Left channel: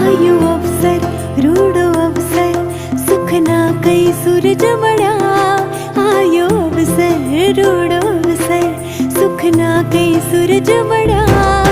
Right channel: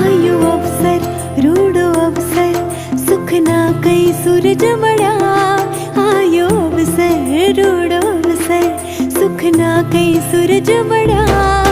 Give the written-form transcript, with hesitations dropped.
आयो अवसर रूडो अवसर सुख ना कई सूरज मड़ा। आयो अवसर रूडो अवसर सुख ना कई सूरज मड़ा।